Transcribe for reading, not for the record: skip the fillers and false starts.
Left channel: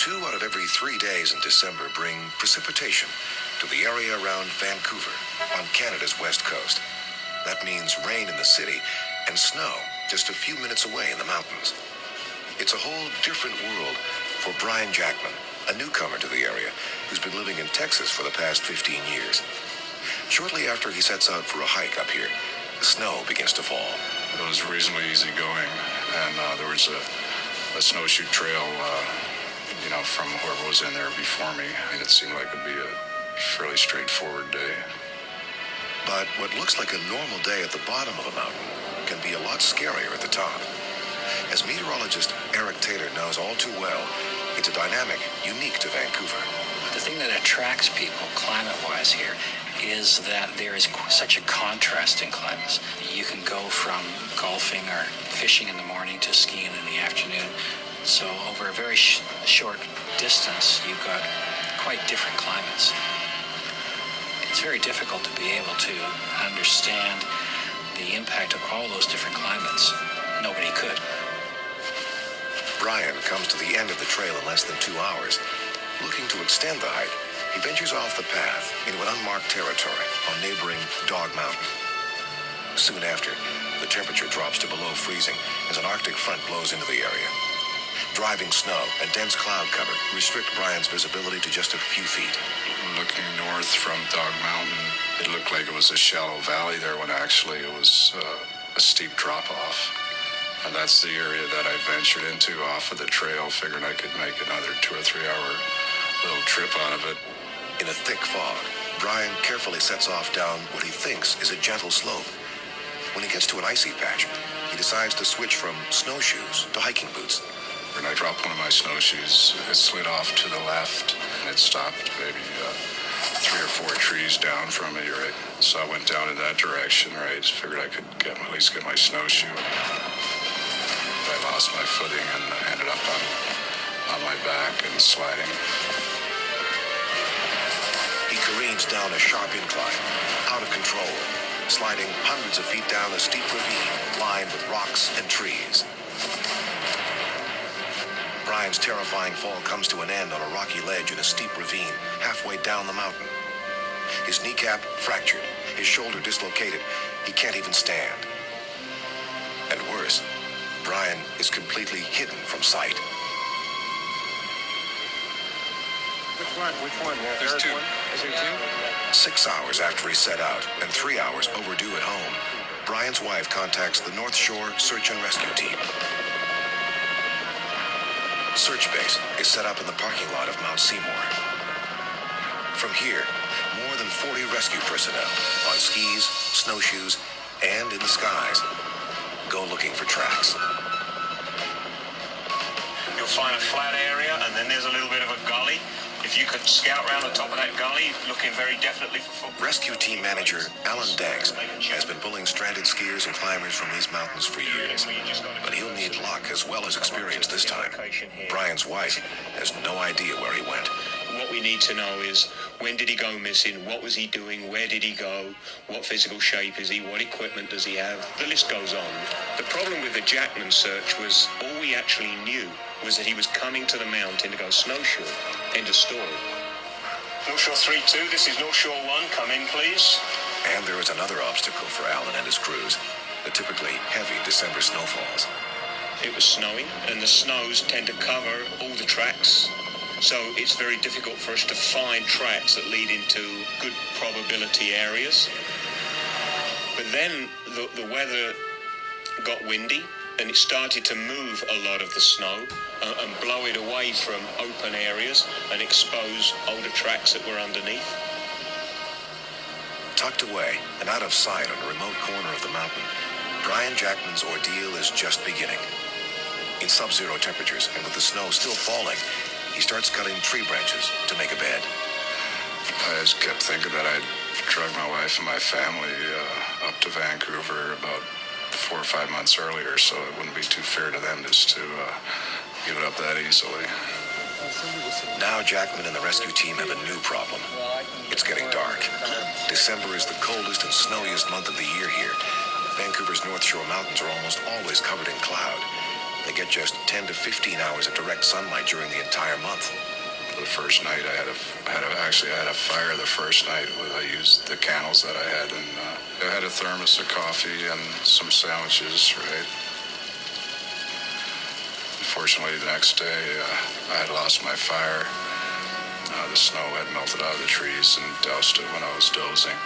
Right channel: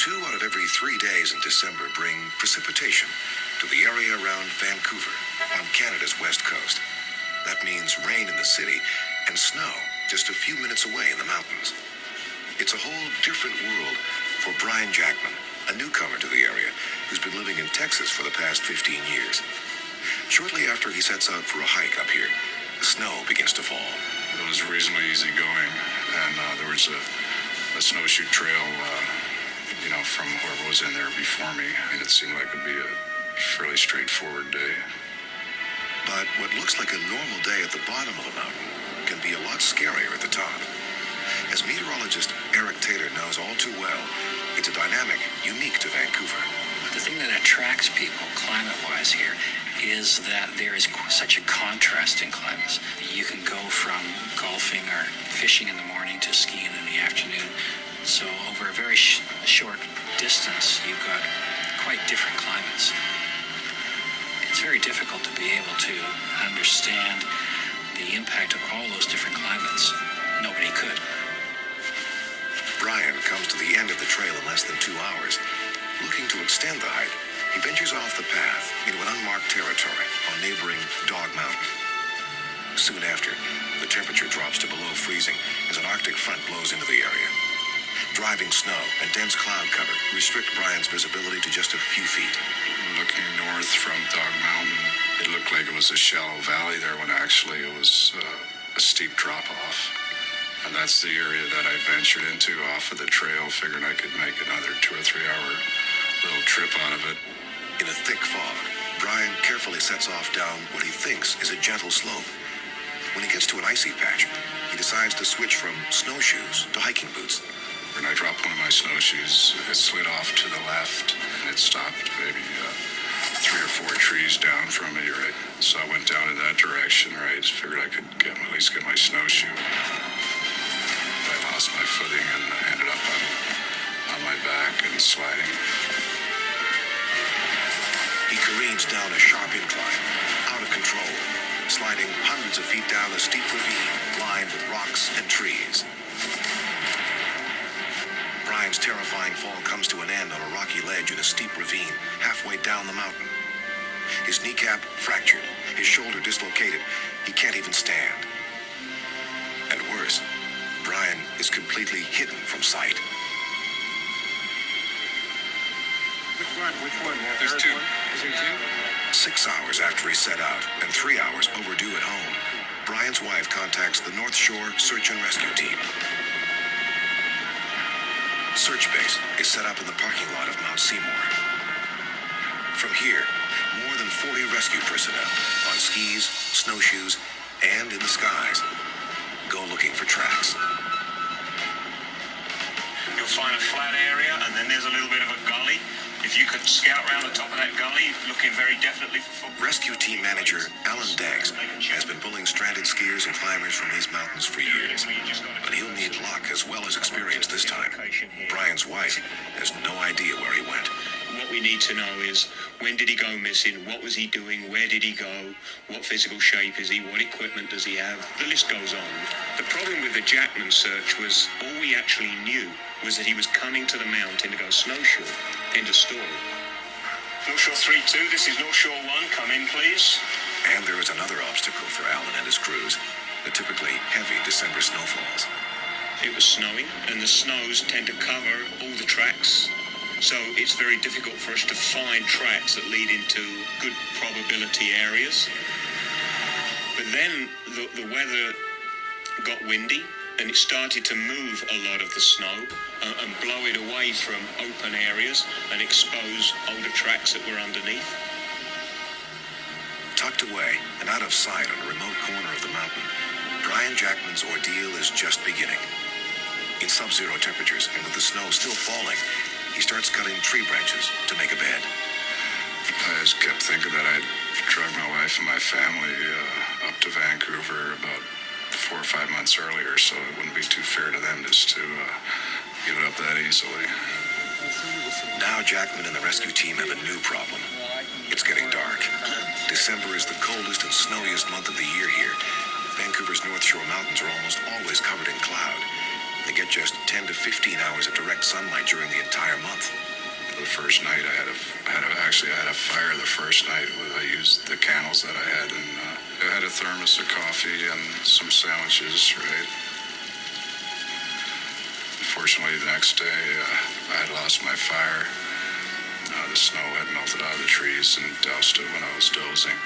2 out of every 3 days in December bring precipitation to the area around Vancouver on Canada's west coast. That means rain in the city and snow just a few minutes away in the mountains. It's a whole different world for Brian Jackman, a newcomer to the area who's been living in Texas for the past 15 years. Shortly after he sets out for a hike up here, the snow begins to fall. It was reasonably easy going, and there was a snowshoe trail, from whoever was in there before me, and it seemed like it'd be a fairly straightforward day. But what looks like a normal day at the bottom of a mountain can be a lot scarier at the top. As meteorologist Eric Taylor knows all too well, it's a dynamic unique to Vancouver. The thing that attracts people climate-wise here is that there is such a contrast in climates. You can go from golfing or fishing in the morning to skiing in the afternoon. So over a very short distance, you've got quite different climates. It's very difficult to be able to understand the impact of all those different climates. Nobody could. Brian comes to the end of the trail in less than 2 hours. Looking to extend the hike, he ventures off the path into an unmarked territory on neighboring Dog Mountain. Soon after, the temperature drops to below freezing as an Arctic front blows into the area. Driving snow and dense cloud cover restrict Brian's visibility to just a few feet. Looking north from Dog Mountain, it looked like it was a shallow valley there when actually it was a steep drop-off. And that's the area that I ventured into off of the trail, figuring I could make another 2 or 3 hour little trip out of it. In a thick fog, Brian carefully sets off down what he thinks is a gentle slope. When he gets to an icy patch, he decides to switch from snowshoes to hiking boots. When I dropped one of my snowshoes, it slid off to the left, and it stopped maybe 3 or 4 trees down from me, right? So I went down in that direction, right? Figured I could at least get my snowshoe. I lost my footing and ended up on my back and sliding. He careens down a sharp incline, out of control, sliding hundreds of feet down a steep ravine lined with rocks and trees. Brian's terrifying fall comes to an end on a rocky ledge in a steep ravine halfway down the mountain. His kneecap fractured, his shoulder dislocated. He can't even stand. And worse, Brian is completely hidden from sight. Which one? There's 2. Is there 2? 6 hours after he set out, and 3 hours overdue at home, Brian's wife contacts the North Shore Search and Rescue Team. Search base is set up in the parking lot of Mount Seymour. From here, more than 40 rescue personnel on skis, snowshoes, and in the skies go looking for tracks. You'll find a flat area, and then there's a little bit of a gully. If you could scout around the top of that gully, looking very definitely for footprints. Rescue team manager Alan Danks has been pulling stranded skiers and climbers from these mountains for years, but he'll need luck as well as experience this time. Brian's wife has no idea where he went. What we need to know is, when did he go missing? What was he doing? Where did he go? What physical shape is he? What equipment does he have? The list goes on. The problem with the Jackman search was all we actually knew was that he was coming to the mountain to go snowshoe. End of story. North Shore 3-2, this is North Shore 1. Come in, please. And there is another obstacle for Alan and his crews, the typically heavy December snowfalls. It was snowing, and the snows tend to cover all the tracks. So it's very difficult for us to find tracks that lead into good probability areas. But then the weather got windy, and it started to move a lot of the snow and blow it away from open areas and expose older tracks that were underneath. Tucked away and out of sight on a remote corner of the mountain, Brian Jackman's ordeal is just beginning. In sub-zero temperatures and with the snow still falling, he starts cutting tree branches to make a bed. I just kept thinking that I'd drug my wife and my family up to Vancouver about 4 or 5 months earlier, so it wouldn't be too fair to them just to give it up that easily. Now Jackman and the rescue team have a new problem. It's getting dark. December is the coldest and snowiest month of the year here. Vancouver's North Shore mountains are almost always covered in cloud. They get just 10 to 15 hours of direct sunlight during the entire month. The first night I had a fire the first night. I used the candles that I had, and I had a thermos of coffee and some sandwiches, right? Unfortunately, the next day, I had lost my fire. The snow had melted out of the trees and doused it when I was dozing.